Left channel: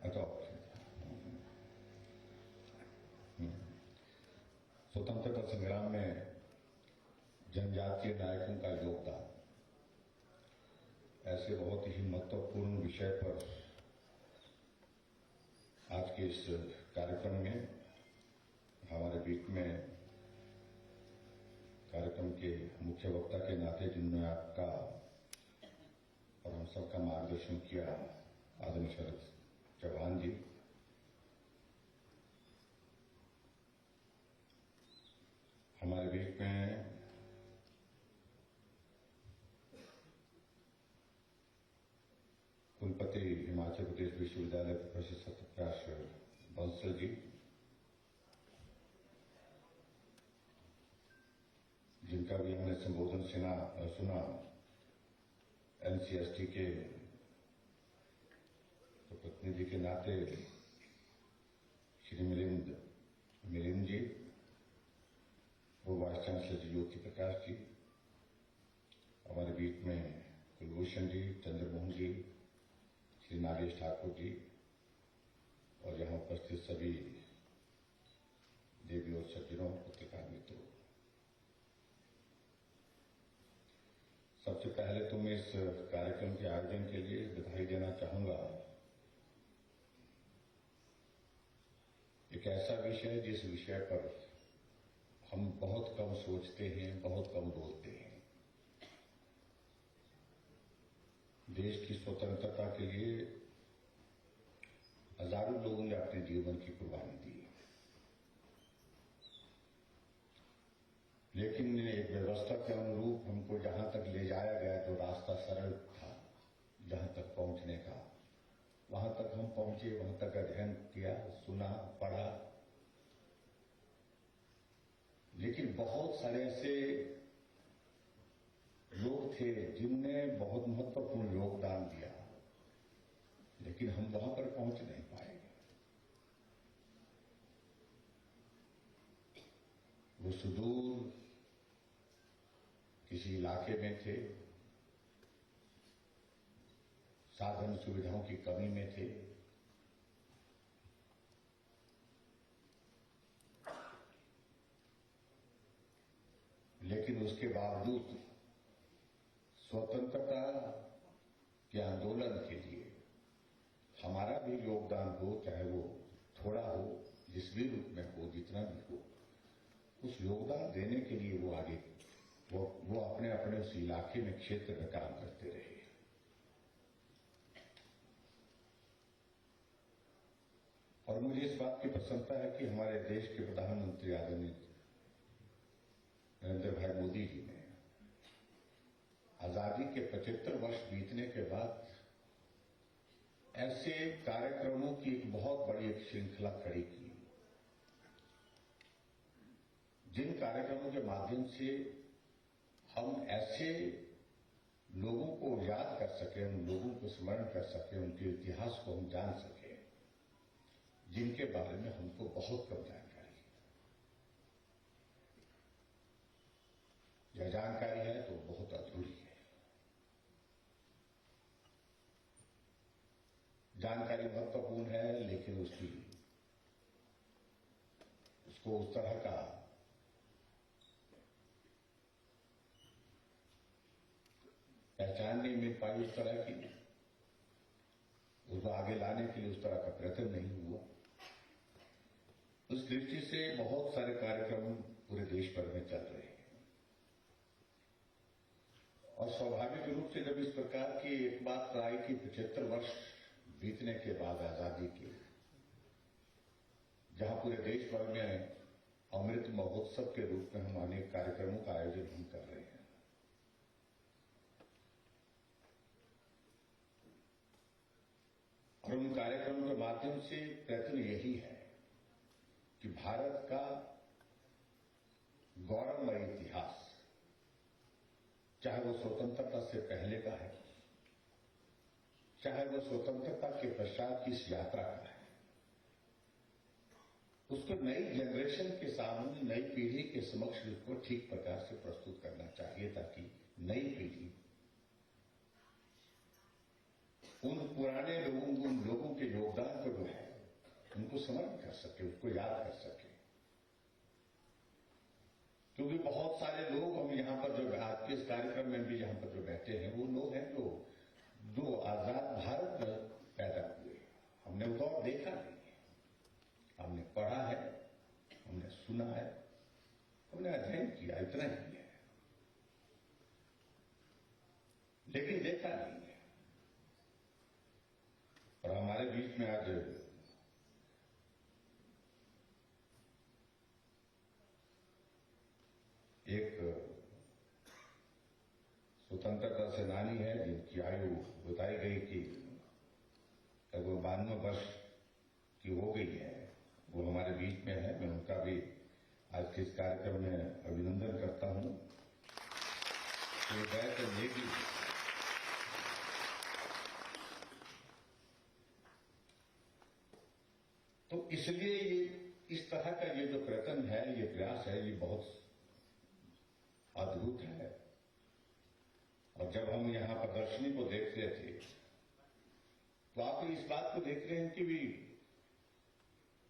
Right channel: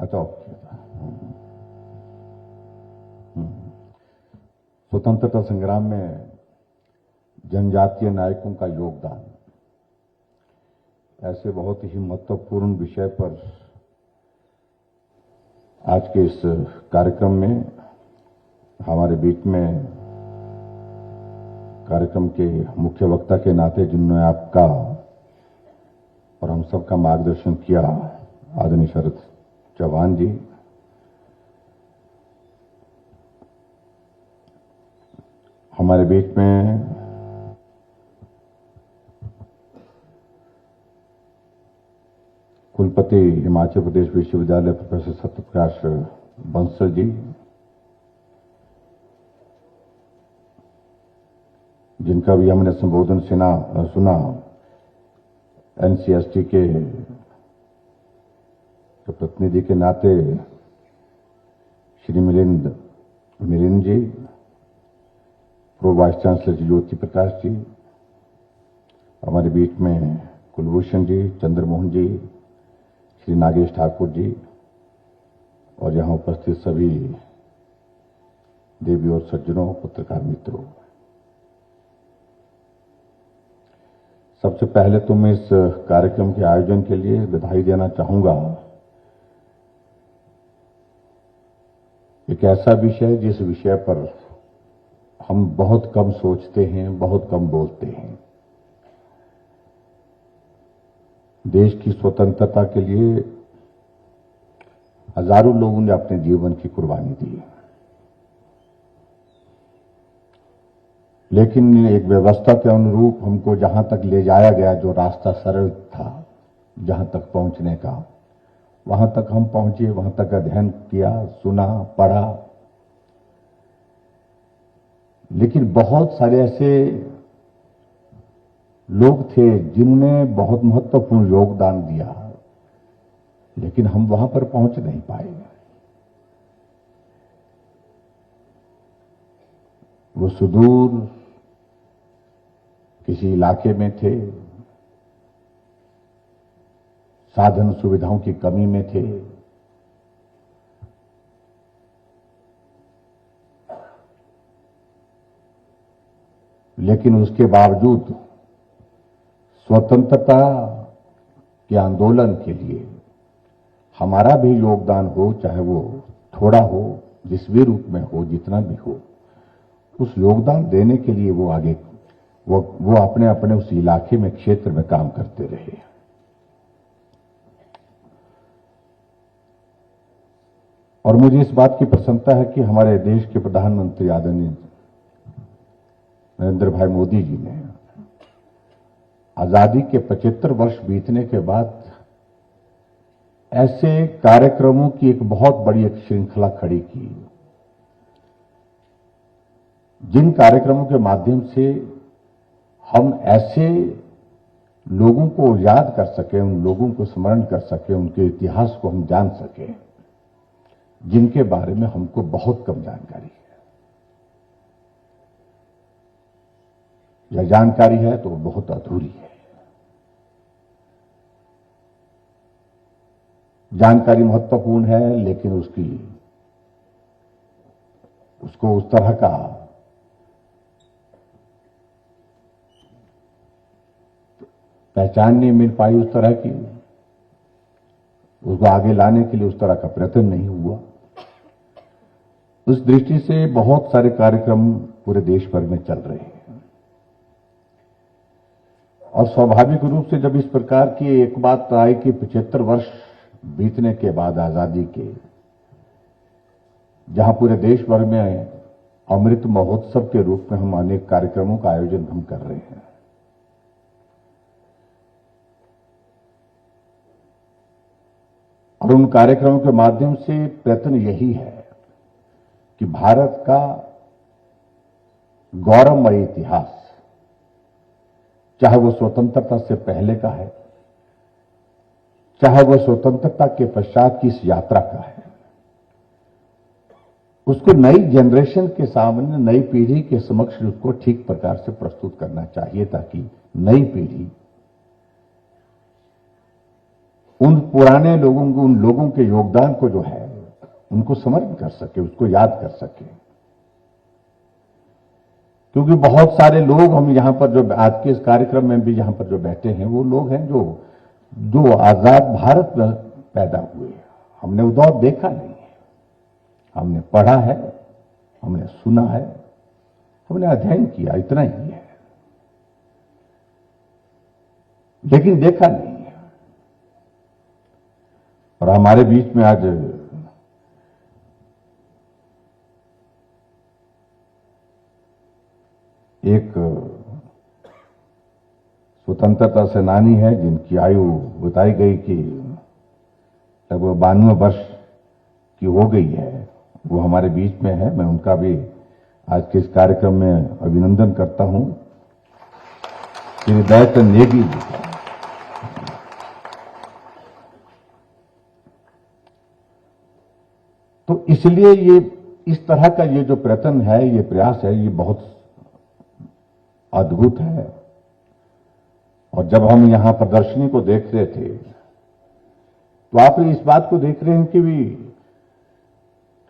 अच्छा, स्वतंत्रता संग्राम में जनजातीय नायकों का योगदान, ऐसे बहुत ही महत्वपूर्ण विषय पर आज के इस कार्यक्रम में हमारे बीच में कार्यक्रम के मुख्य वक्ता के नाते जिन्होंने आपका और हम सबका मार्गदर्शन किया, आदरणीय शरद चौहान जी, हमारे बीच में कुलपति हिमाचल प्रदेश विश्वविद्यालय प्रोफेसर सत्यप्रकाश बंसल जी, जिनका भी हमने संबोधन सुना, एनसीएसटी के प्रतिनिधि के नाते श्री मिलिंद जी, प्रो वाइस चांसलर जी ज्योति प्रकाश जी, हमारे बीच में कुलभूषण जी, चंद्रमोहन जी, श्री नागेश ठाकुर जी और यहां उपस्थित सभी देवी और सज्जनों, पत्रकार मित्रों, सबसे पहले तो मैं इस कार्यक्रम के आयोजन के लिए बधाई देना चाहूंगा। एक ऐसा विषय जिस विषय पर हम बहुत कम सोचते हैं, बहुत कम बोलते हैं। देश की स्वतंत्रता के लिए हजारों लोगों ने अपने जीवन की कुर्बानी दी, लेकिन एक व्यवस्था के अनुरूप हमको जहां तक ले जाया गया, जो रास्ता सरल था जहां तक पहुंचने का, वहां तक हम पहुंचे, वहां तक अध्ययन किया, सुना, पढ़ा, लेकिन बहुत सारे ऐसे लोग थे जिन्होंने बहुत महत्वपूर्ण योगदान दिया, लेकिन हम वहां पर पहुंच नहीं पाए। वो सुदूर किसी इलाके में थे, साधन सुविधाओं की कमी में थे, लेकिन उसके बावजूद स्वतंत्रता के आंदोलन के लिए हमारा भी योगदान हो, चाहे वो थोड़ा हो, जिस भी रूप में हो, जितना भी हो, उस योगदान देने के लिए वो आगे वो अपने अपने उस इलाके में, क्षेत्र में काम करते रहे। और मुझे इस बात की प्रसन्नता है कि हमारे देश के प्रधानमंत्री आदरणीय नरेंद्र भाई मोदी जी ने आजादी के 75 वर्ष बीतने के बाद ऐसे कार्यक्रमों की एक बहुत बड़ी एक श्रृंखला खड़ी की, जिन कार्यक्रमों के माध्यम से हम ऐसे लोगों को याद कर सके, उन लोगों को स्मरण कर सके, उनके इतिहास को हम जान सके, जिनके बारे में हमको बहुत कम जानकारी है, या जानकारी है तो बहुत अधूरी है। जानकारी महत्वपूर्ण है, लेकिन उसको उस तरह का पहचान नहीं मिल पाई, उस तरह की, उसको आगे लाने के लिए उस तरह का प्रयत्न नहीं हुआ। उस दृष्टि से बहुत सारे कार्यक्रम पूरे देश भर में चल रहे हैं, और स्वाभाविक रूप से जब इस प्रकार की एक बात आई कि 75 वर्ष बीतने के बाद आजादी के, जहां पूरे देश भर में अमृत महोत्सव के रूप में हम अनेक कार्यक्रमों का आयोजन हम कर रहे हैं, और उन कार्यक्रमों के माध्यम से प्रयत्न यही है कि भारत का गौरवमय इतिहास, चाहे वो स्वतंत्रता से पहले का है, चाहे वो स्वतंत्रता के पश्चात की इस यात्रा का है, उसको नई जनरेशन के सामने, नई पीढ़ी के समक्ष उसको ठीक प्रकार से प्रस्तुत करना चाहिए, ताकि नई पीढ़ी उन पुराने लोगों को, उन लोगों के योगदान को जो है उनको समर्पण कर सके, उसको याद कर सके। क्योंकि बहुत सारे लोग हम यहां पर जो आज के इस कार्यक्रम में भी यहां पर जो बैठे हैं वो लोग हैं जो आजाद भारत में पैदा हुए। हमने वो दौर देखा नहीं है, हमने पढ़ा है, हमने सुना है, हमने अध्ययन किया, इतना ही है, लेकिन देखा नहीं है। और हमारे बीच में आज एक स्वतंत्रता सेनानी है जिनकी आयु बताई गई कि लगभग 92 वर्ष की हो गई है, वो हमारे बीच में है। मैं उनका भी आज के इस कार्यक्रम में अभिनंदन करता हूं। श्री दयाचंद नेगी जी का तो इसलिए ये इस तरह का ये जो प्रयत्न है, ये प्रयास है, ये बहुत अद्भुत है। और जब हम यहां प्रदर्शनी को देख रहे थे तो आप इस बात को देख रहे हैं कि भी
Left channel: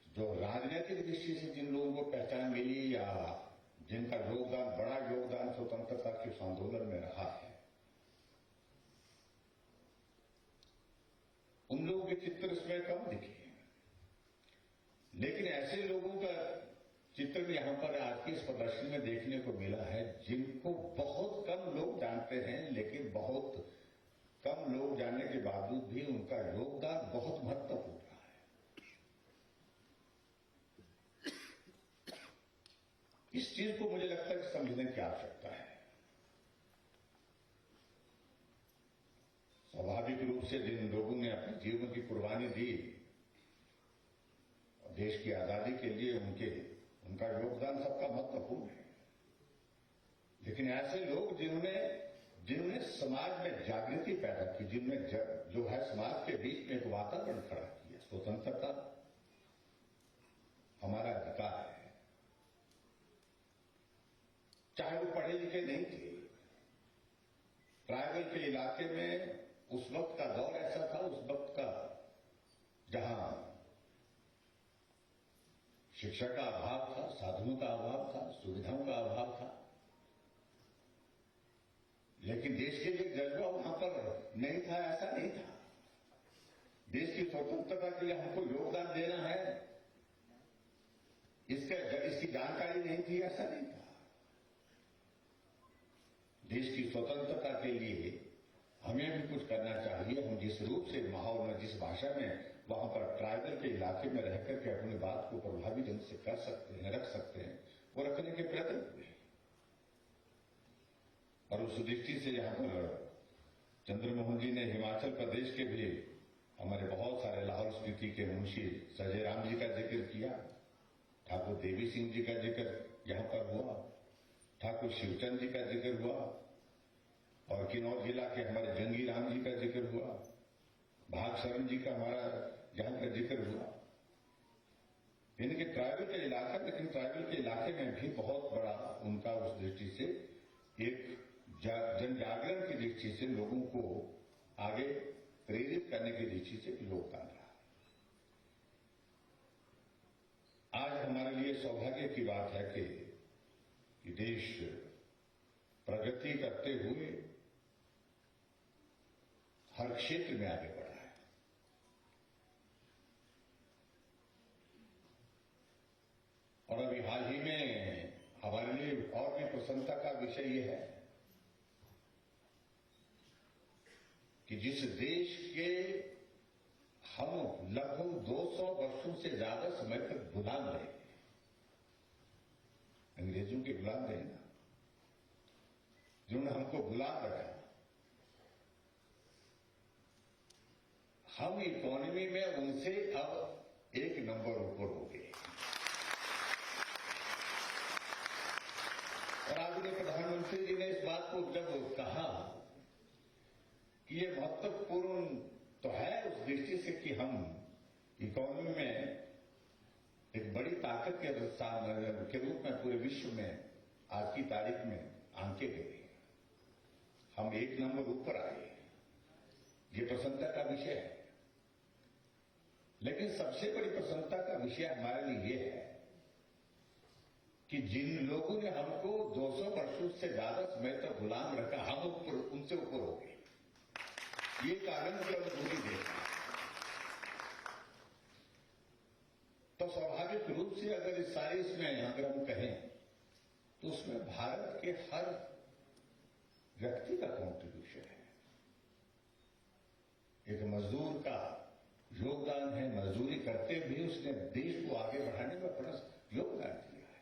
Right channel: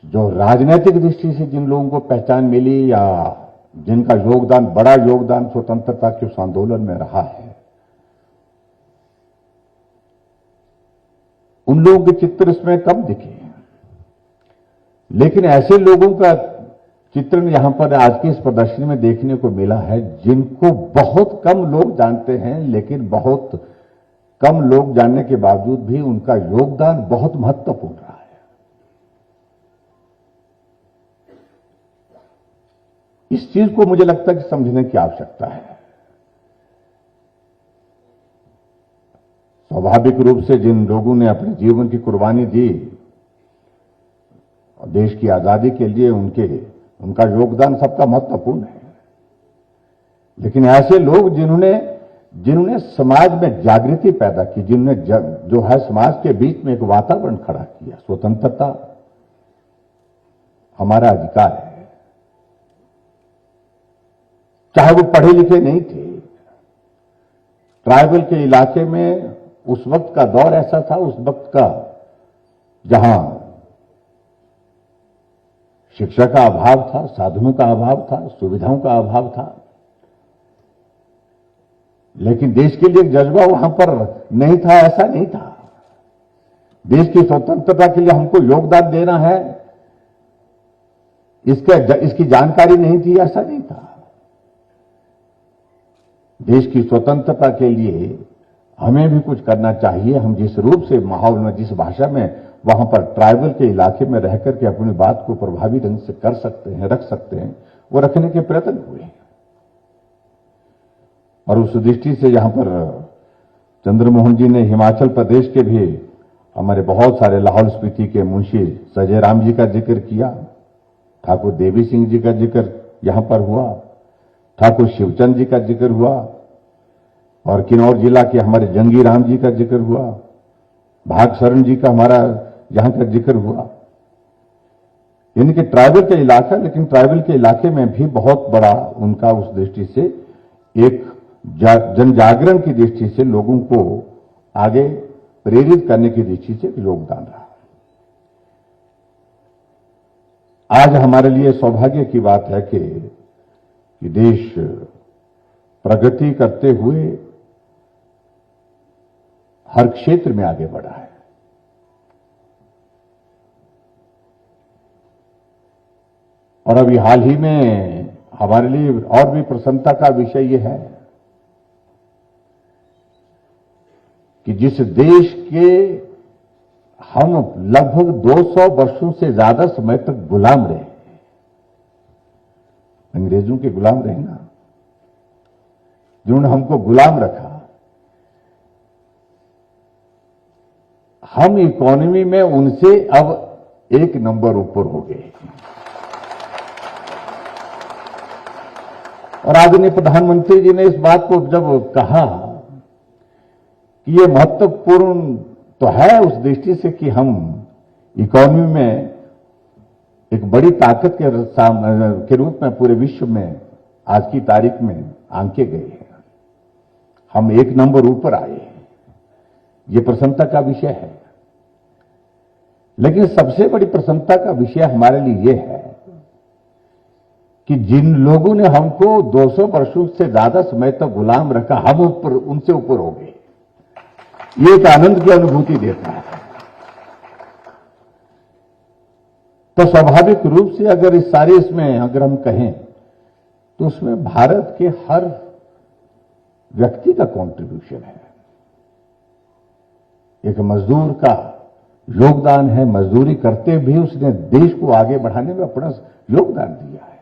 जो राजनीतिक दृष्टि से जिन लोगों को पहचान मिली या जिनका योगदान, बड़ा योगदान स्वतंत्रता के उस आंदोलन में रहा है, उन लोगों के चित्र इसमें कम दिखे। लेकिन ऐसे लोगों का चित्रण यहां पर आज की इस प्रदर्शनी में देखने को मिला है जिनको बहुत कम लोग जानते हैं, लेकिन बहुत कम लोग जानने के बावजूद भी उनका योगदान बहुत महत्वपूर्ण रहा है। इस चीज को मुझे लगता है कि समझने की आवश्यकता है। स्वाभाविक रूप से जिन लोगों ने अपने जीवन की कुर्बानी दी और देश की आजादी के लिए, उनका योगदान सबका महत्वपूर्ण है। लेकिन ऐसे लोग जिन्होंने समाज में जागृति पैदा की, जिन्होंने जो है समाज के बीच में एक वातावरण खड़ा किया, स्वतंत्रता हमारा अधिकार है, चाहे वो पढ़े लिखे नहीं थे। ट्राइबल के इलाके में उस वक्त का दौर ऐसा था, उस वक्त का जहां शिक्षा का अभाव था, साधनों का अभाव था, सुविधाओं का अभाव था, लेकिन देश के लिए एक जज्बा वहां पर नहीं था, ऐसा नहीं था। देश की स्वतंत्रता के लिए हमको योगदान देना है, इसकी जानकारी नहीं थी, ऐसा नहीं था। देश की स्वतंत्रता के लिए हमें भी कुछ करना चाहिए। हम जिस रूप से माहौल में, जिस भाषा में वहां पर ट्राइबल के इलाके में रहकर के अपनी बात को प्रभावी ढंग से कर सकते हैं, रख सकते हैं, वो रखने के प्रयत्न हुए। और उस दृष्टि से यहां पर चंद्रमोहन जी ने हिमाचल प्रदेश के भी हमारे बहुत सारे, लाहौल स्पीति के मुंशी सजय राम जी का जिक्र किया, ठाकुर देवी सिंह जी का जिक्र यहां पर हुआ, ठाकुर शिवचंद जी का जिक्र हुआ, और किन्नौर जिला के हमारे जंगी राम जी का जिक्र हुआ, भाग शरण जी का हमारा यहां का जिक्र हुआ। यानी कि ट्राइबल का इलाका, लेकिन ट्राइबल के इलाके में भी बहुत बड़ा उनका उस दृष्टि से एक जन जागरण की दृष्टि से लोगों को आगे प्रेरित करने की दृष्टि से योगदान रहा। आज हमारे लिए सौभाग्य की बात है कि देश प्रगति करते हुए हर क्षेत्र में आगे बढ़ा है। और अभी हाल ही में हमारे लिए और भी प्रसन्नता का विषय यह है कि जिस देश के हम लगभग 200 वर्षों से ज्यादा समय तक गुलाम रहे, अंग्रेजों के गुलाम रहे ना, जिन्होंने हमको गुलाम रखा, हम इकोनॉमी में उनसे अब एक नंबर ऊपर हो गए। और आदरणीय प्रधानमंत्री जी ने इस बात को जब कहा कि ये महत्वपूर्ण तो है उस दृष्टि से कि हम इकोनॉमी में एक बड़ी ताकत के रूप में पूरे विश्व में आज की तारीख में आंके गए हैं, हम एक नंबर ऊपर आए हैं। ये प्रसन्नता का विषय है। लेकिन सबसे बड़ी प्रसन्नता का विषय हमारे लिए यह है कि जिन लोगों ने हमको 200 वर्षों से ज्यादा समय तक गुलाम रखा, हम ऊपर उनसे ऊपर हो गए। ये एक आनंद की अनुभूति देता है। तो स्वाभाविक रूप से अगर इस सारे इसमें अगर हम कहें तो उसमें भारत के हर व्यक्ति का कंट्रीब्यूशन है। एक मजदूर का योगदान है, मजदूरी करते भी उसने देश को आगे बढ़ाने में अपना योगदान दिया है।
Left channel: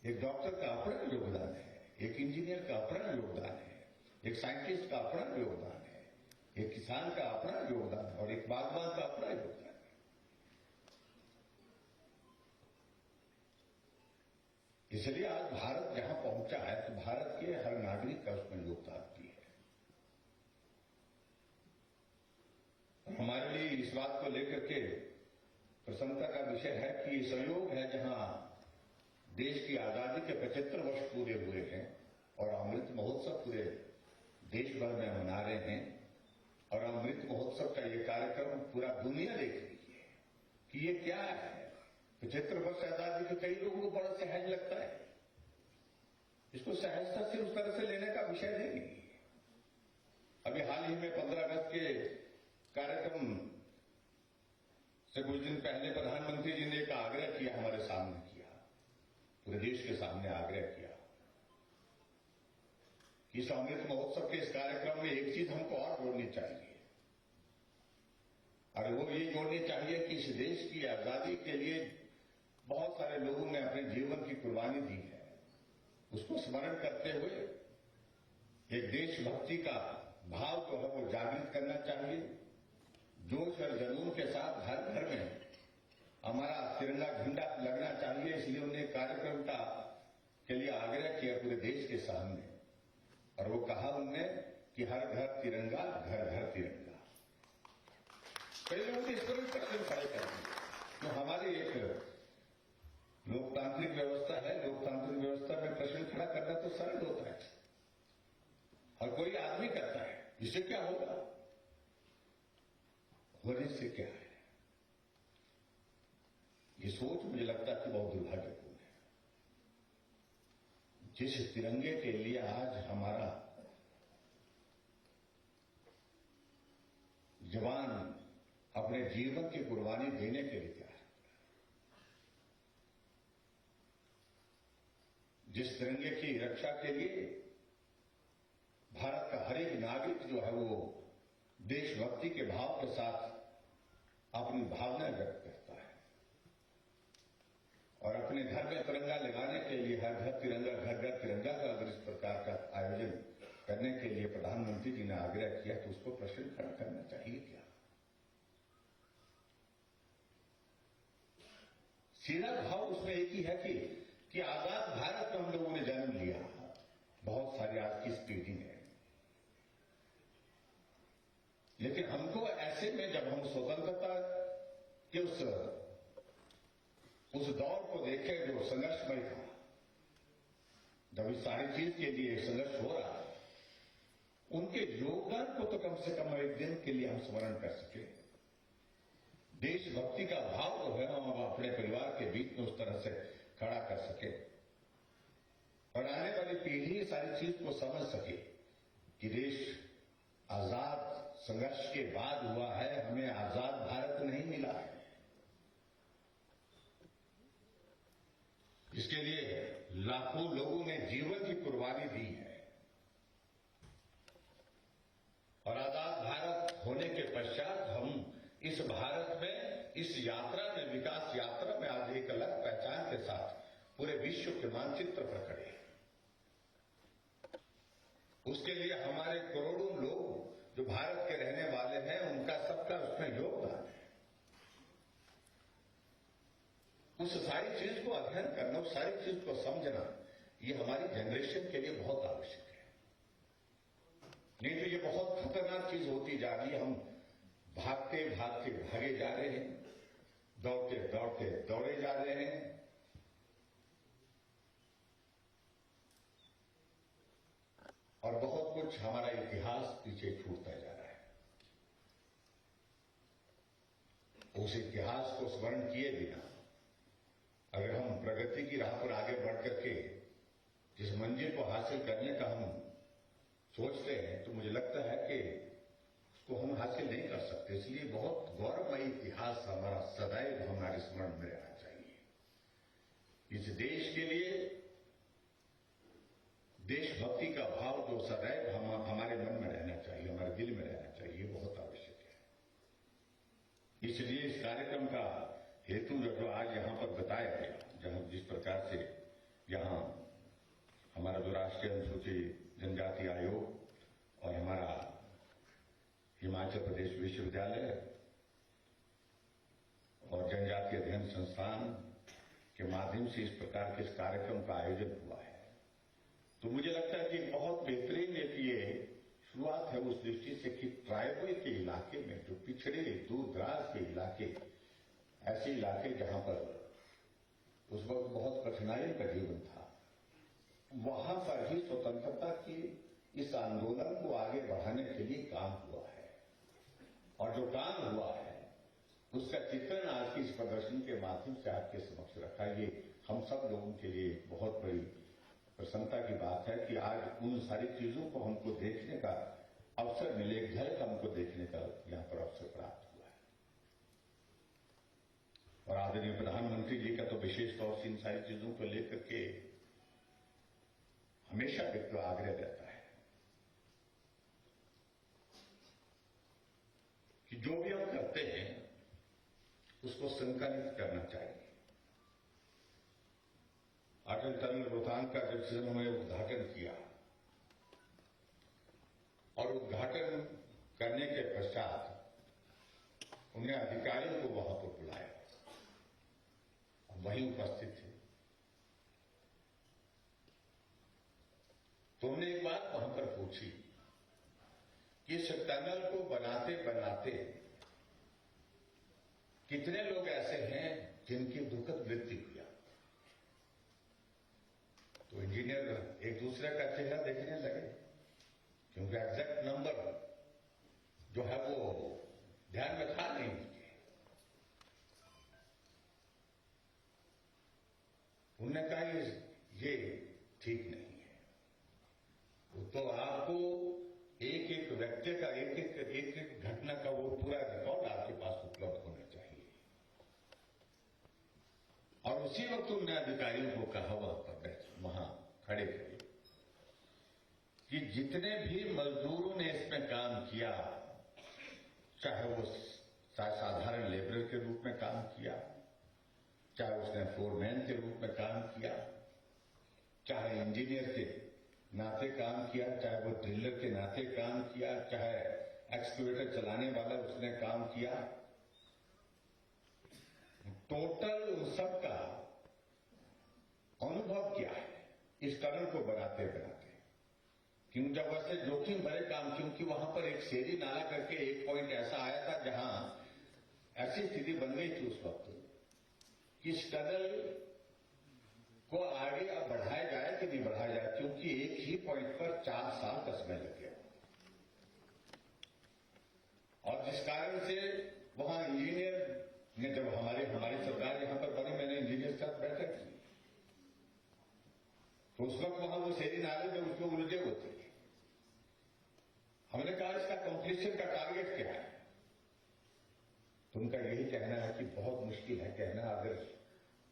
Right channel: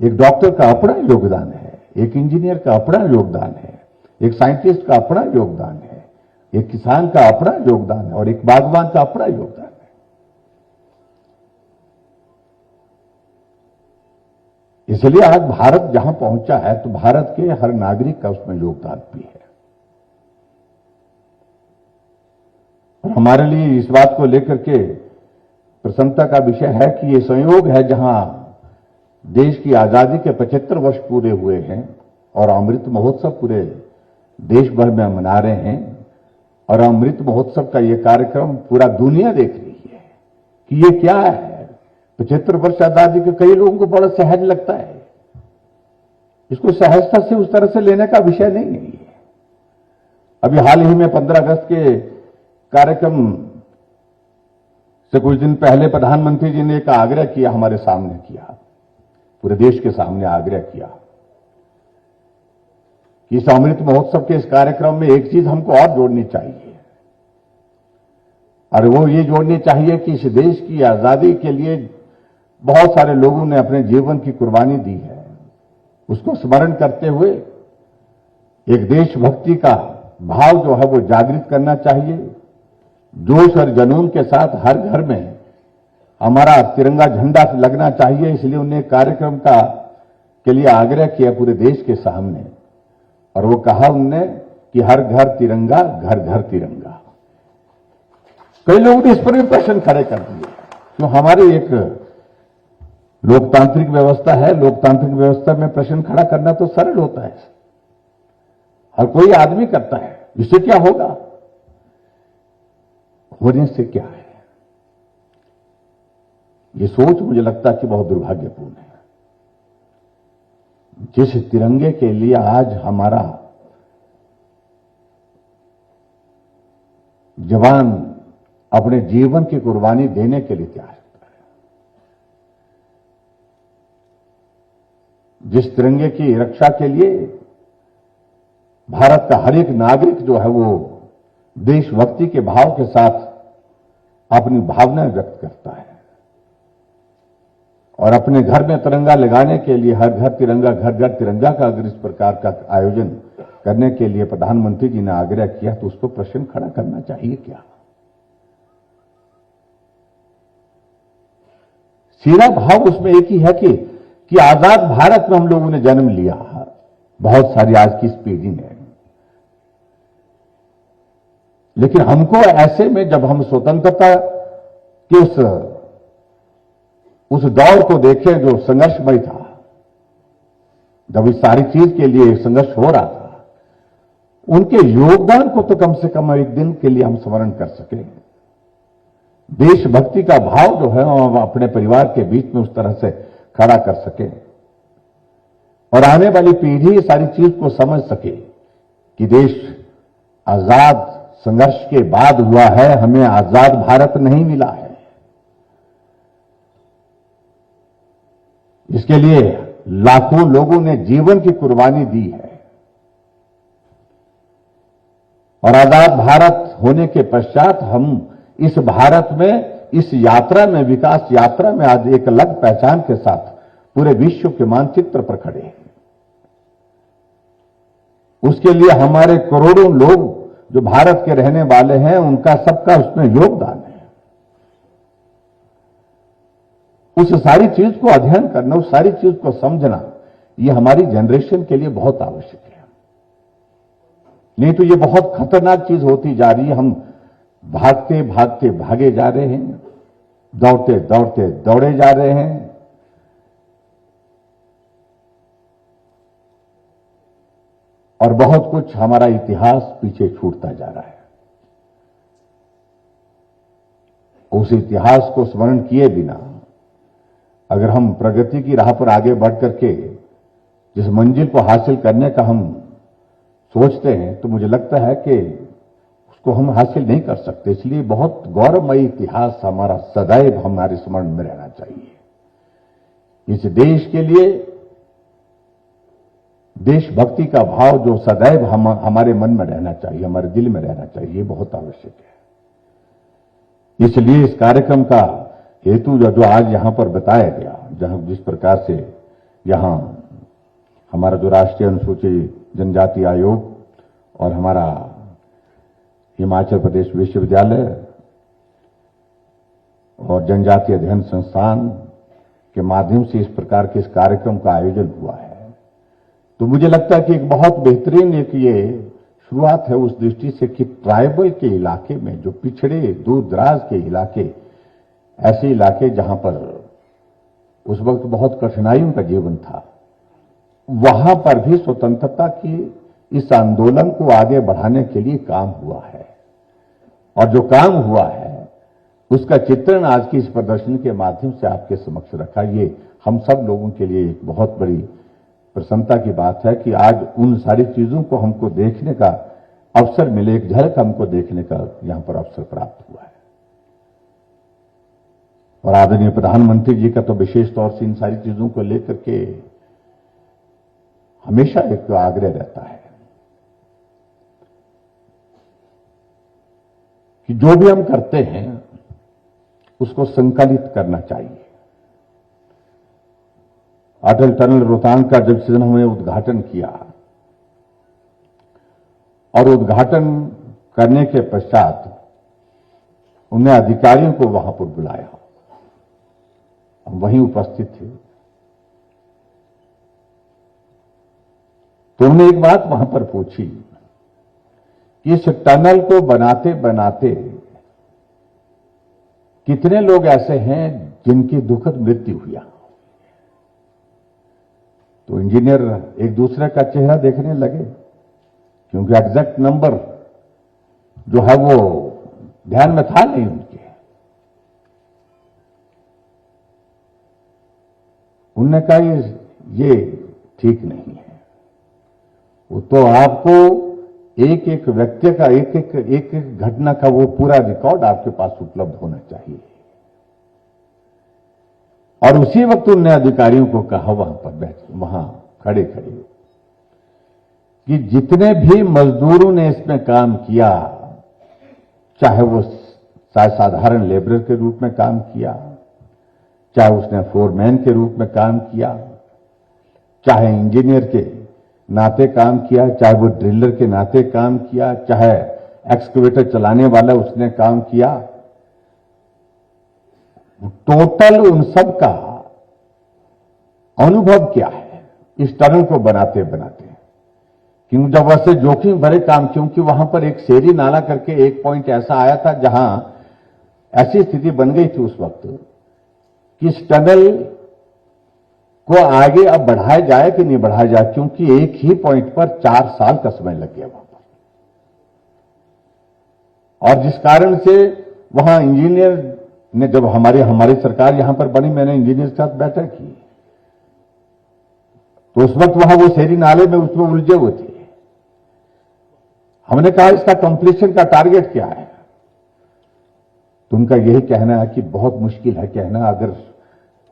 एक डॉक्टर का अपना योगदान है, एक इंजीनियर का अपना योगदान है, एक साइंटिस्ट का अपना योगदान है, एक किसान का अपना योगदान है और एक बागवान का अपना योगदान है। इसलिए आज भारत जहां पहुंचा है तो भारत के हर नागरिक का उसमें योगदान भी है। और हमारे लिए इस बात को लेकर के प्रसन्नता का विषय है कि ये संयोग है जहां देश की आजादी के 75 वर्ष पूरे हुए हैं और अमृत महोत्सव पूरे देश भर में मना रहे हैं। और अमृत महोत्सव का ये कार्यक्रम पूरा दुनिया देख रही है कि ये क्या है। 75 वर्ष आजादी के कई लोगों को बड़ा सहज लगता है। इसको सहजता से उस तरह से लेने का विषय नहीं है। अभी हाल ही में 15 अगस्त के कार्यक्रम से कुछ दिन पहले प्रधानमंत्री जी ने एक आग्रह किया, हमारे सामने किया, पूरे देश के सामने आग्रह किया कि इस अमृत महोत्सव के इस कार्यक्रम में एक चीज हमको और जोड़नी चाहिए, और वो ये जोड़नी चाहिए कि इस देश की आजादी के लिए बहुत सारे लोगों ने अपने जीवन की कुर्बानी दी है। उसको स्मरण करते हुए एक देशभक्ति का भाव जो है वो जागृत करना चाहिए। जोश और जुनून के साथ हर घर में हमारा तिरंगा झंडा लगना चाहिए। इसलिए उन्हें कार्यक्रम का के लिए आग्रह किया पूरे देश के सामने, और वो कहा उनने कि हर घर तिरंगा, घर घर तिरंगा। कई लोगों ने इस पर भी प्रश्न खड़े कर दिए। तो हमारी एक लोकतांत्रिक व्यवस्था है, लोकतांत्रिक व्यवस्था में प्रश्न खड़ा करना तो सरल होता है, हर कोई आदमी करता है। इससे क्या होगा? होने से क्या है? ये सोच मुझे लगता है कि बहुत दुर्भाग्यपूर्ण है। जिस तिरंगे के लिए आज हमारा जवान अपने जीवन की कुर्बानी देने के लिए तैयार होता है, जिस तिरंगे की रक्षा के लिए भारत का हर एक नागरिक जो है वो देशभक्ति के भाव के साथ अपनी भावनाएं व्यक्त करता है, और अपने घर में तिरंगा लगाने के लिए हर घर तिरंगा, घर घर तिरंगा का अगर इस प्रकार का आयोजन करने के लिए प्रधानमंत्री जी ने आग्रह किया तो उसको प्रश्न खड़ा करना चाहिए क्या? सीधा भाव उसमें एक ही है कि आजाद भारत में हम लोगों ने जन्म लिया, बहुत सारी आज की इस पीढ़ी ने, लेकिन हमको ऐसे में जब हम स्वतंत्रता के उस दौर को देखें जो संघर्षमय था, जब इस सारी चीज के लिए संघर्ष हो रहा था, उनके योगदान को तो कम से कम एक दिन के लिए हम स्मरण कर सके। देशभक्ति का भाव जो है हम अपने परिवार के बीच में उस तरह से खड़ा कर सके, और आने वाली पीढ़ी सारी चीज को समझ सके कि देश आजाद संघर्ष के बाद हुआ है, हमें आजाद भारत नहीं मिला है। इसके लिए लाखों लोगों ने जीवन की कुर्बानी दी है, और आजाद भारत होने के पश्चात हम इस भारत में, इस यात्रा में, विकास यात्रा में आज एक अलग पहचान के साथ पूरे विश्व के मानचित्र पर खड़े हैं। उसके लिए हमारे करोड़ों लोग जो भारत के रहने वाले हैं, उनका सबका उसमें योगदान है। उस सारी चीज को अध्ययन करना, उस सारी चीज को समझना, ये हमारी जनरेशन के लिए बहुत आवश्यक है। नहीं तो ये बहुत खतरनाक चीज होती जा रही है। हम भागते भागते भागे जा रहे हैं, दौड़ते दौड़ते दौड़े जा रहे हैं, और बहुत कुछ हमारा इतिहास पीछे छूटता जा रहा है। उस इतिहास को स्मरण किए बिना अगर हम प्रगति की राह पर आगे बढ़ करके जिस मंजिल को हासिल करने का हम सोचते हैं, तो मुझे लगता है कि उसको हम हासिल नहीं कर सकते। इसलिए बहुत गौरवमयी इतिहास हमारा सदैव हमारे स्मरण में रहना चाहिए। इस देश के लिए देशभक्ति का भाव जो सदैव हमारे मन में रहना चाहिए, हमारे दिल में रहना चाहिए, बहुत आवश्यक है। इसलिए इस कार्यक्रम का हेतु जो आज यहां पर बताया गया, जहां जिस प्रकार से यहां हमारा जो राष्ट्रीय अनुसूचित जनजाति आयोग और हमारा हिमाचल प्रदेश विश्वविद्यालय और जनजातीय अध्ययन संस्थान के माध्यम से इस प्रकार के इस कार्यक्रम का आयोजन हुआ है, तो मुझे लगता है कि एक बहुत बेहतरीन एक ये शुरुआत है उस दृष्टि से कि ट्राइबल के इलाके में, जो पिछड़े दूर दराज के इलाके, ऐसे इलाके जहां पर उस वक्त बहुत कठिनाइयों का जीवन था, वहां पर भी स्वतंत्रता की इस आंदोलन को आगे बढ़ाने के लिए काम हुआ है। और जो काम हुआ है उसका चित्रण आज की इस प्रदर्शनी के माध्यम से आपके समक्ष रखा। ये हम सब लोगों के लिए एक बहुत बड़ी प्रसन्नता की बात है कि आज उन सारी चीजों को हमको देखने का अवसर मिले, एक झलक हमको देखने का यहां पर अवसर प्राप्त हुआ है। और आदरणीय प्रधानमंत्री जी का तो विशेष तौर से इन सारी चीजों को लेकर के हमेशा एक आग्रह रहता है कि जो भी हम करते हैं उसको संकलित करना चाहिए। अटल टनल रोहतांग का जब से हमने उद्घाटन किया और उद्घाटन करने के पश्चात उन्हें अधिकारियों को वहां पर बुलाया, हम वहीं उपस्थित थे, तो उन्होंने एक बात वहां पर पूछी कि इस टनल को बनाते बनाते कितने लोग ऐसे हैं जिनकी दुखद मृत्यु हुई। तो इंजीनियर एक दूसरे का चेहरा देखने लगे, क्योंकि एग्जैक्ट नंबर जो है वो ध्यान में था नहीं उनके। उनने कहा ये ठीक नहीं है, वो तो आपको एक एक व्यक्ति का एक एक घटना का वो पूरा रिकॉर्ड आपके पास उपलब्ध होना चाहिए। और उसी वक्त उन्होंने अधिकारियों को कहा वहां खड़े कि जितने भी मजदूरों ने इसमें काम किया, चाहे वो साधारण लेबरर के रूप में काम किया, चाहे उसने फोरमैन के रूप में काम किया, चाहे इंजीनियर के नाते काम किया, चाहे वो ड्रिलर के नाते काम किया, चाहे एक्सकवेटर चलाने वाला उसने काम किया, टोटल उन सब का अनुभव क्या है इस टनल को बनाते बनाते। क्योंकि जब वैसे जोखिम भरे काम, क्योंकि वहां पर एक शेरी नाला करके एक पॉइंट ऐसा आया था जहां ऐसी स्थिति बन गई थी उस वक्त कि इस टनल को आगे अब बढ़ाया जाए कि नहीं बढ़ाया जाए, क्योंकि एक ही पॉइंट पर 4 साल का समय लग गया वहां पर। और जिस कारण से वहां इंजीनियर ने, जब हमारी सरकार यहां पर बनी, मैंने इंजीनियर के साथ बैठक की, तो उस वक्त वहां वो शेरी नाले में उसमें उलझे हुए थे। हमने कहा इसका कंप्लीशन का टारगेट क्या है, तो उनका यही कहना है कि बहुत मुश्किल है कहना,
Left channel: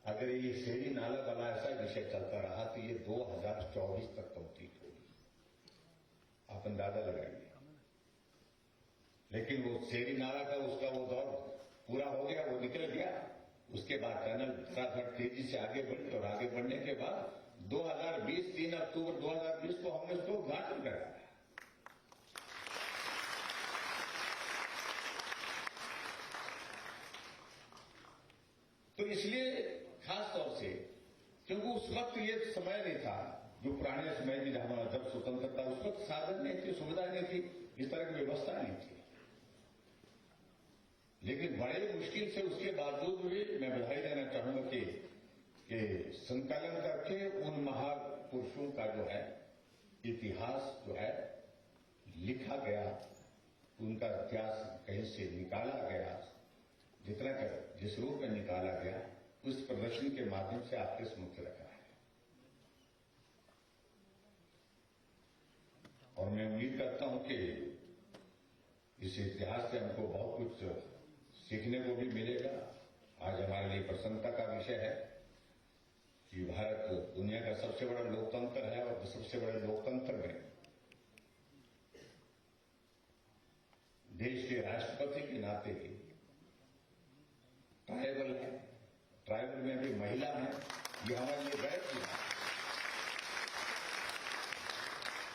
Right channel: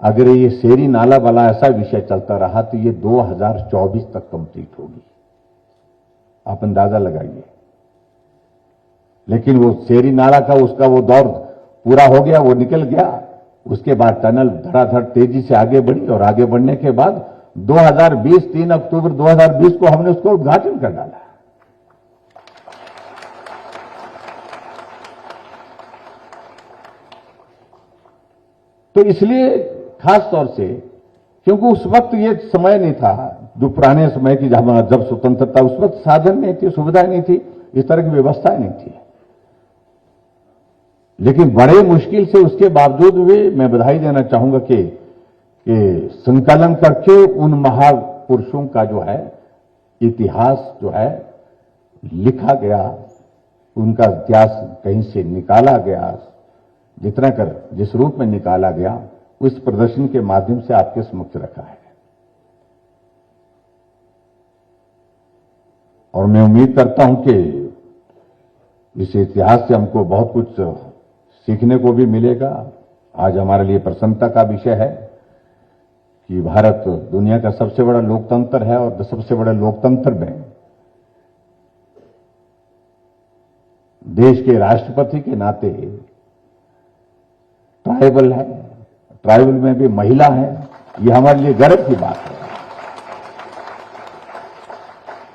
अगर ये शेरी नाला वाला ऐसा विषय चलता रहा तो ये 2024 तक कंप्लीट होगी। आप अंदाजा लगाइए। लेकिन वो शेरी नाला का उसका वो दौर पूरा हो गया, वो निकल गया। उसके बाद टनल धड़ाधड़ तेजी से आगे बढ़ी और आगे बढ़ने के बाद 3 अक्टूबर 2020 को हमने उसको उद्घाटन कर डाला। तो इसलिए खास तौर से, क्योंकि उस वक्त ये समय नहीं था जो पुराने समय की जब स्वतंत्रता, उस वक्त साधन नहीं थे, सुविधा नहीं थी, इस तरह की व्यवस्था नहीं थी। लेकिन बड़े मुश्किल से उसके बावजूद भी मैं बधाई देना चाहूंगा कि संकलन करके उन महापुरुषों का जो है इतिहास जो है लिखा गया, उनका इतिहास कहीं से निकाला गया, जितना कर जिस रूप में निकाला गया उस प्रदर्शन के माध्यम से आपके समक्ष रखा है। और मैं उम्मीद करता हूं कि इस इतिहास से हमको बहुत कुछ सीखने को भी मिलेगा। आज हमारे लिए प्रसन्नता का विषय है कि भारत दुनिया का सबसे बड़ा लोकतंत्र है और सबसे बड़े लोकतंत्र में देश के राष्ट्रपति के नाते ट्राइबल है, ट्राइबल में भी महिला है, ये हमारे लिए गर्व की बात है।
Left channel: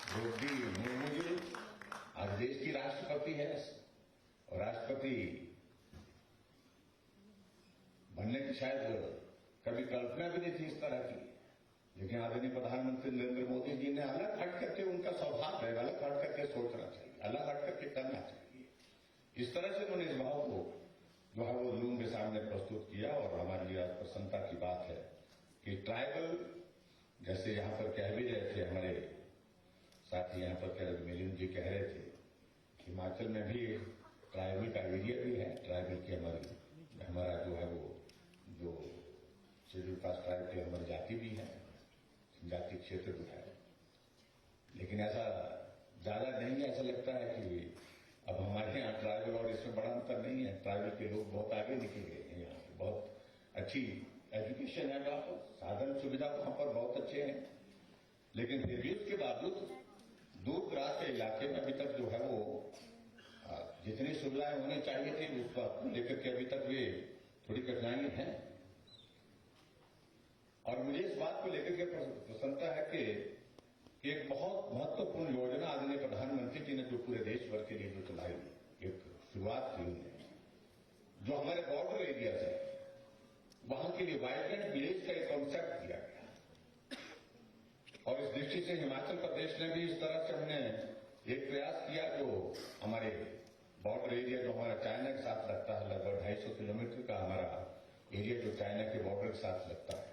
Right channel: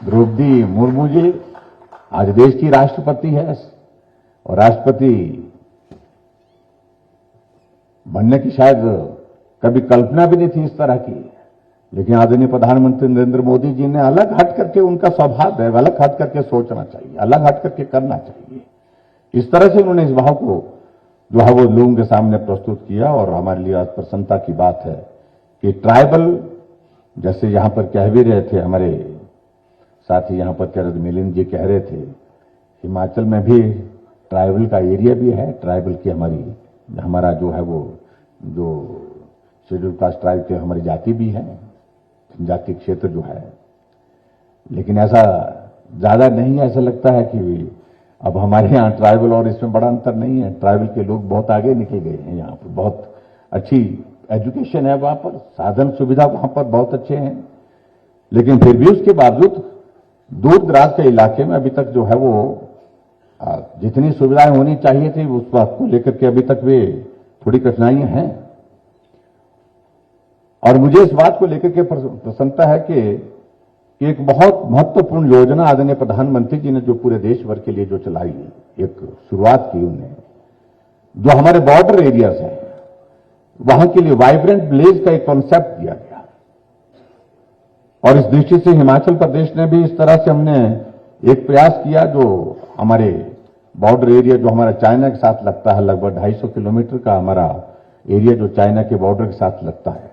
द्रौपदी मुर्मू जी आज देश की राष्ट्रपति है और राष्ट्रपति बनने की शायद कभी कल्पना भी नहीं थी इस तरह की, लेकिन आदरणीय प्रधानमंत्री नरेंद्र मोदी जी ने अलग हट करके, उनका स्वभाव है अलग हट करके सोचना चाहिए, अलग हट करके करना चाहिए। इस तरह से उन्होंने इस भाव को जो है वो लोगों के सामने प्रस्तुत किया और हमारे लिए आज प्रसन्नता की बात है कि ट्राइबल, जैसे यहां पर कह भी रहे थे हमारे साथी यहां पर कह रहे थे, मिलिंद जी कह रहे थे, हिमाचल में भी ट्राइबल का एरिया भी है, ट्राइबल की हमारा जो है वो जो शेड्यूल कास्ट ट्राइब के हमारी जाति भी है, जाति क्षेत्र जो है, लेकिन ऐसा ज्यादा नहीं है। ऐसा लगता है कि अब हमारे यहाँ ट्राइबल और इसमें बड़ा अंतर नहीं है। ट्राइबल के लोग बहुत आगे निकल गए हैं, यहाँ पर बहुत अच्छी एजुकेशन है, वहां पर साधन सुविधा वहां पर बहुत अच्छे हैं, लेकिन फिर भी उसके बावजूद दूर दराज के इलाके में अभी तक जो है वो जितनी सुविधाएं होनी चाहिए थी उस बात को लेकर के अभी तक वे थोड़ी कठिनाइयां हैं। और मुझे इस बात को लेकर के प्रसन्नता है कि एक बहुत महत्वपूर्ण योजना आदरणीय प्रधानमंत्री जी ने जो पूरे देश भर के लिए जो चलाई, एक शुरुआत की उन्होंने, जो हमारे बॉर्डर एरियाज हैं वहां के लिए वाइब्रेंट विलेज का एक कॉन्सेप्ट दिया गया। और इस दृष्टि से हिमाचल प्रदेश ने भी इस तरह से हमने एक प्रयास किया, जो हमारे बॉर्डर एरिया जो हमारा चाइना के साथ लगता है, लगभग 250 किलोमीटर का हमारा एरिया जो चाइना के बॉर्डर के साथ लगता है,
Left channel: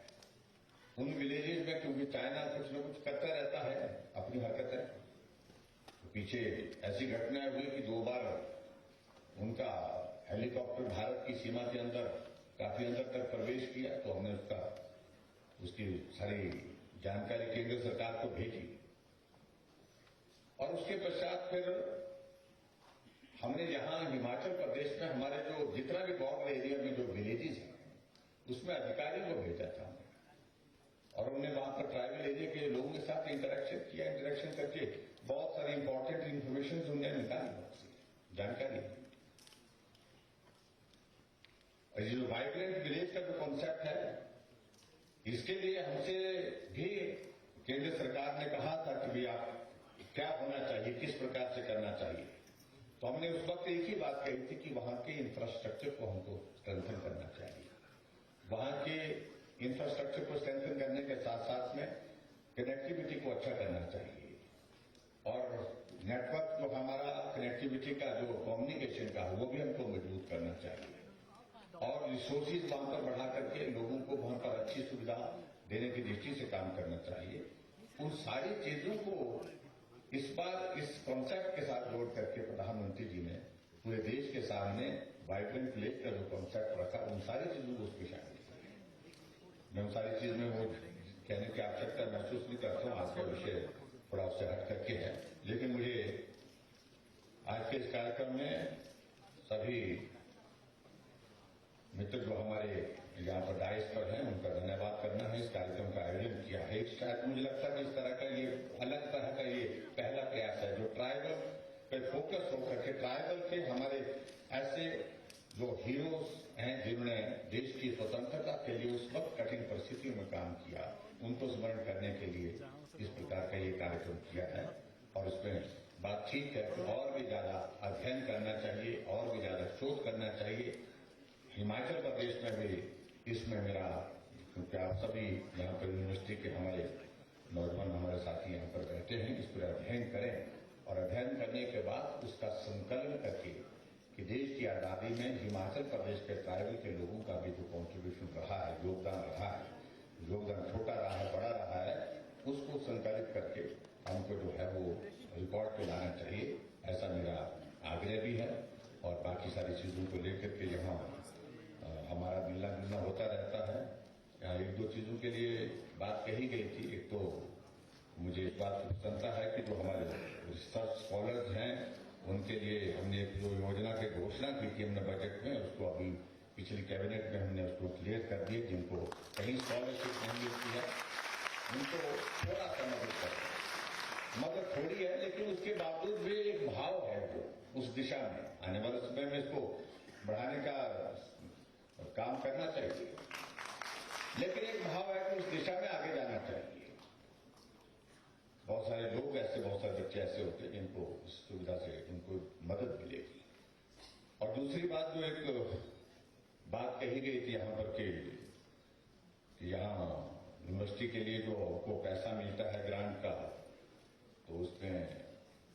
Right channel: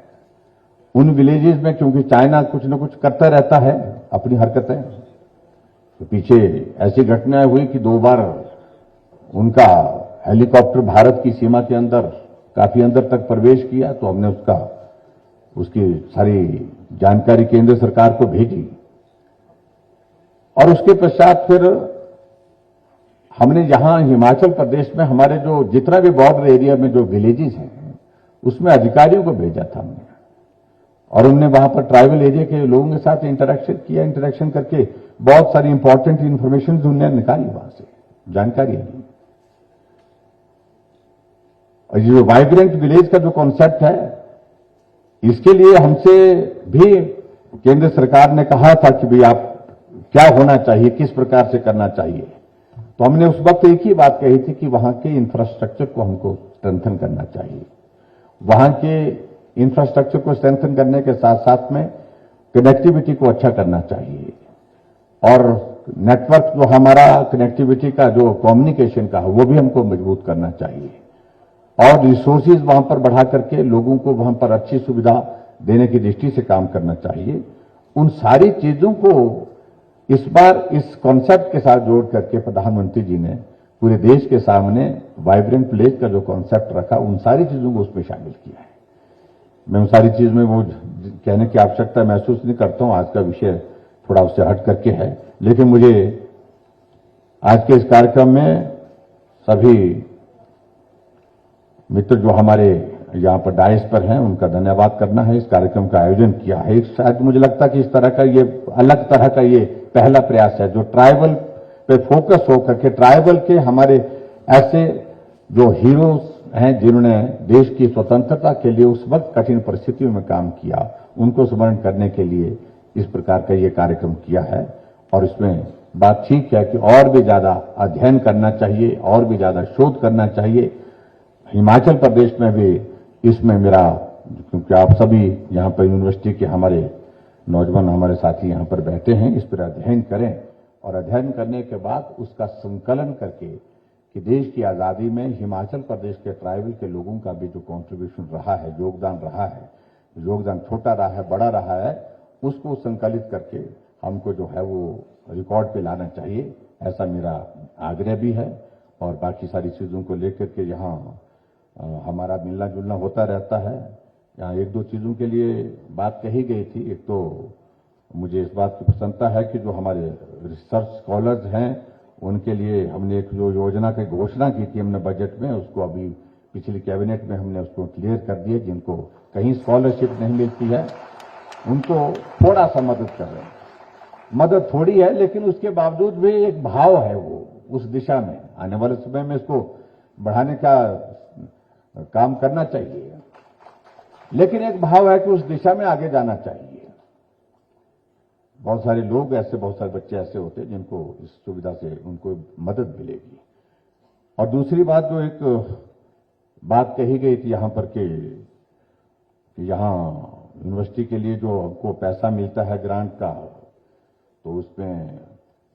उन विलेजेस में क्योंकि चाइना कुछ न कुछ करता रहता है अपनी हरकतें, तो पीछे ऐसी घटनाएं हुई कि 2 बार उनका हेलीकॉप्टर भारत की सीमा के अंदर काफी अंदर तक प्रवेश किया, तो हमने उसकी सारी जानकारी केंद्र सरकार को भेजी। और उसके पश्चात फिर हमने यहां हिमाचल प्रदेश में हमारे जो जितना भी बॉर्डर एरिया में जो विलेजेस हैं उसमें अधिकारियों को भेजा था हमने, और उन्होंने वहां पर ट्राइबल एरिया के लोगों के साथ इंटरेक्शन किया। इंटरेक्शन करके बहुत सारी इंपॉर्टेंट इंफॉर्मेशन उन्होंने निकाली, वहां से जानकारी ली। और ये जो वाइब्रेंट विलेज का जो कॉन्सेप्ट है, इसके लिए हमसे भी केंद्र सरकार ने कहा था कि भाई आप क्या होना चाहिए, किस प्रकार से करना चाहिए। तो हमने उस वक्त एक ही बात कही थी कि वहां के इंफ्रास्ट्रक्चर को हमको स्ट्रेंथन करना चाहिए। वहां के इंफ्रास्ट्रक्चर को स्ट्रेंथन करने के साथ साथ में कनेक्टिविटी को अच्छा करना चाहिए, और नेटवर्क जो हमारा कनेक्टिविटी का जो कम्युनिकेशन का है वो भी हमको मजबूत करना चाहिए, और रिसोर्सेज वहां पर बढ़ा करके लोगों को वहां पर अच्छी सुविधा देने की दृष्टि से काम करना चाहिए। उन सारी चीजों को इस बार इस कॉन्सेप्ट के साथ जोड़ करके प्रधानमंत्री जी ने पूरे देश के सामने वाइब्रेंट विलेज का जो कॉन्सेप्ट रखा, उन सारी चीजों को उसमें शामिल किया है। मैं उन सारी चीज में वो कहने की आवश्यकता महसूस नहीं करता हूं, आज का विषय थोड़ा उससे हट करके है, लेकिन मुझे आज के इस कार्यक्रम में सभी मित्र जो हमारे यहाँ पर डाइस पर हैं उनका धन्यवाद करना है। इस कार्यक्रम का आयोजन किया है, शायद मुझे लगता है कि इस तरह का ये अलग तरह का ये पहला प्रयास है जो ट्राइबल पे फोकस होकर के ट्राइबल के हमारे ऐसे जो हीरोज हैं जिन्होंने देश की स्वतंत्रता के लिए उस वक्त कठिन परिस्थितियों में काम किया, उनको स्मरण करने के लिए इस प्रकार का ये कार्यक्रम किया है। और इसमें बात ठीक है कि और भी ज्यादा अध्ययन करना चाहिए, और भी ज्यादा शोध करना चाहिए। हिमाचल प्रदेश में भी इसमें मेरा, क्योंकि आप सभी यहाँ पर यूनिवर्सिटी के हमारे नौजवान हमारे साथी यहाँ पर बैठे हैं, इस पर अध्ययन करें, और अध्ययन करने के बाद उसका संकलन करके कि देश की आजादी में हिमाचल प्रदेश के ट्राइबल के लोगों का भी जो कॉन्ट्रीब्यूशन रहा है, योगदान रहा है, योगदान छोटा रहा है, बड़ा रहा है, उसको संकलित करके हमको जो है वो रिकॉर्ड पे लाना चाहिए, ऐसा मेरा आग्रह भी है। और बाकी सारी चीजों को लेकर के यहाँ हमारा मिलना जुलना होता रहता है। यहाँ एक दो चीज़ों के लिए बात कही गई थी। एक तो मुझे इस बात की प्रसन्नता है कि जो हमारे रिसर्च स्कॉलर्स हैं उनके लिए हमने एक जो योजना की घोषणा की थी हमने बजट में, उसको अभी पिछली कैबिनेट में हमने उसको क्लियर कर दिया। जिनको कहीं स्कॉलरशिप नहीं मिलती है उनको थोड़ा सा मदद करें। मदद थोड़ी है लेकिन उसके बावजूद भी एक भाव है वो उस दिशा में। आने वाले समय में इसको बढ़ाने का काम करना चाहिए, लेकिन एक भाव है कि उस दिशा में आगे जाना चाहिए। बहुत सारे लोग ऐसे, बहुत सारे बच्चे ऐसे होते हैं जिनको इस सुविधा से उनको मदद मिलेगी। और दूसरी बात, जो एक बात कही गई थी यहां पर कि यहां यूनिवर्सिटी के लिए जो हमको पैसा मिलता है ग्रांट का, तो उसमें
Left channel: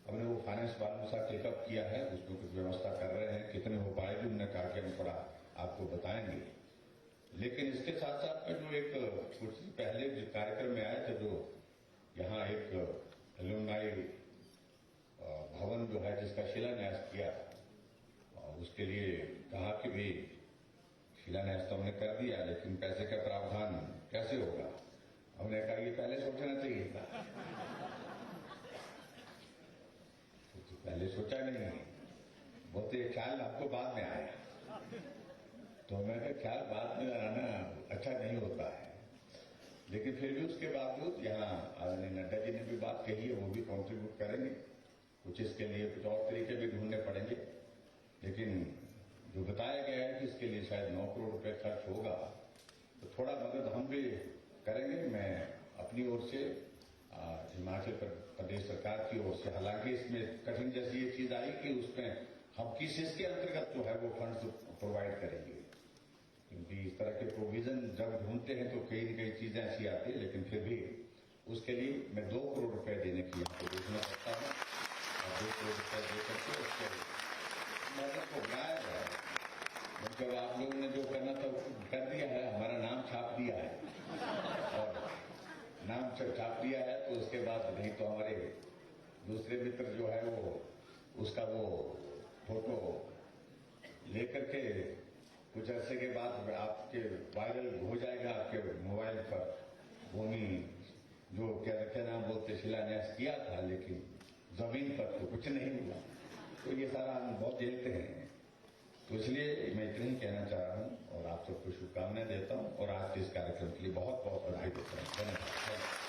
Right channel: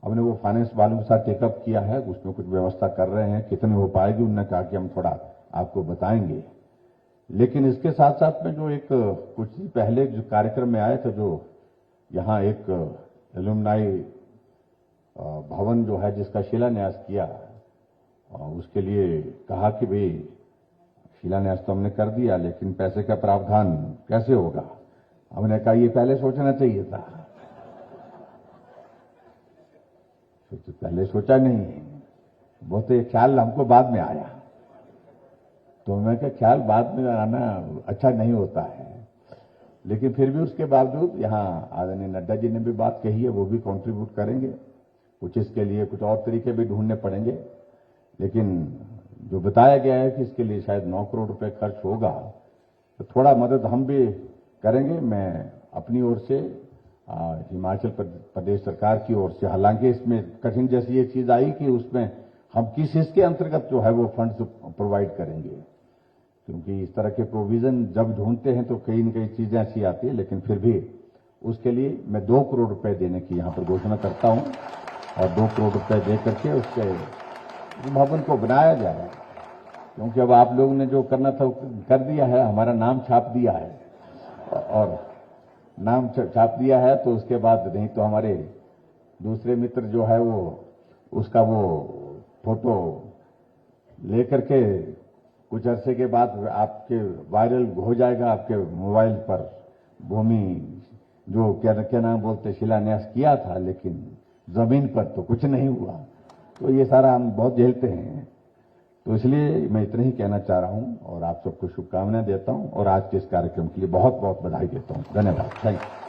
हमने वो फाइनेंस वालों के साथ टेकअप किया है, उसमें कुछ व्यवस्था कर रहे हैं। कितनी हो पाएगी उन्होंने कहा कि हम थोड़ा आपको बताएंगे। लेकिन इसके साथ साथ में जो एक कुछ दिन पहले जो कार्यक्रम में आए थे, जो यहाँ एक एलुमनाई भवन जो है जिसका शिलान्यास किया, उसके लिए कहा कि भाई शिलान्यास तो हमने कर दिया लेकिन पैसे का प्रावधान कैसे होगा। हमने कहा ये पहले सोचना चाहिए था, तो पहले सोचा नहीं, वो तो ये ख्याल हमको बाद में आया। तो मैं क्या, ख्याल बाद में आना अच्छा नहीं होता है। लेकिन फिर भी उसके बावजूद यहाँ आदरणीय नड्डा जी ने भी बात कही है, वो भी कंट्रीब्यूट करेंगे। कुछ इसके लिए कुछ और तरीके भी ढूंढने पड़ेंगे, लेकिन जो बताया गया है कि इसके लिए शायद 9 करोड़ रुपए खर्च होगा, तो थोड़ा मदद हम भी करेंगे। मैं अपनी ओर से, हिमाचल प्रदेश सरकार की ओर से, हालांकि इसमें कठिन जैसी ये चीज आई कि उसमें हम किस इसके अंतर्गत जो है वो फंड प्रोवाइड करेंगे, क्योंकि इस तरह के प्रोविजन जब ढूंढते हैं तो कई न कई चीजें ऐसी आती है। लेकिन फिर भी उसके लिए मैं 2 करोड़ रुपए देने की यहाँ पर घोषणा करता हूँ, और 2 करोड़ रुपए दे करके उसके भवन को बनाया जाए। क्योंकि अब आप लोगों ने जो करना था कर दिया है, हमारा नाम छाप दिया है, और नाम छाप दिया है तो उसके बाद नहीं तो हमारे दूसरे मित्र जो है वो उसका वो फोटो लेकर के कुछ अरसे के बाद आपके वायरल हो जाएगा आपके मोबाइल पर। भूमि जो क्या नाम बोलते, शिलान्यास किया था लेकिन जमीन पर तो कुछ नहीं हुआ। तो ये सारा हम बहुत झेलते हैं। तो इसलिए मैं इतना ही कहना चाह रहा हूं और आप सबको शुभकामनाएं देता हूं, और आज के इस कार्यक्रम के लिए बहुत बहुत बधाई देता हूं। धन्यवाद। Thank you.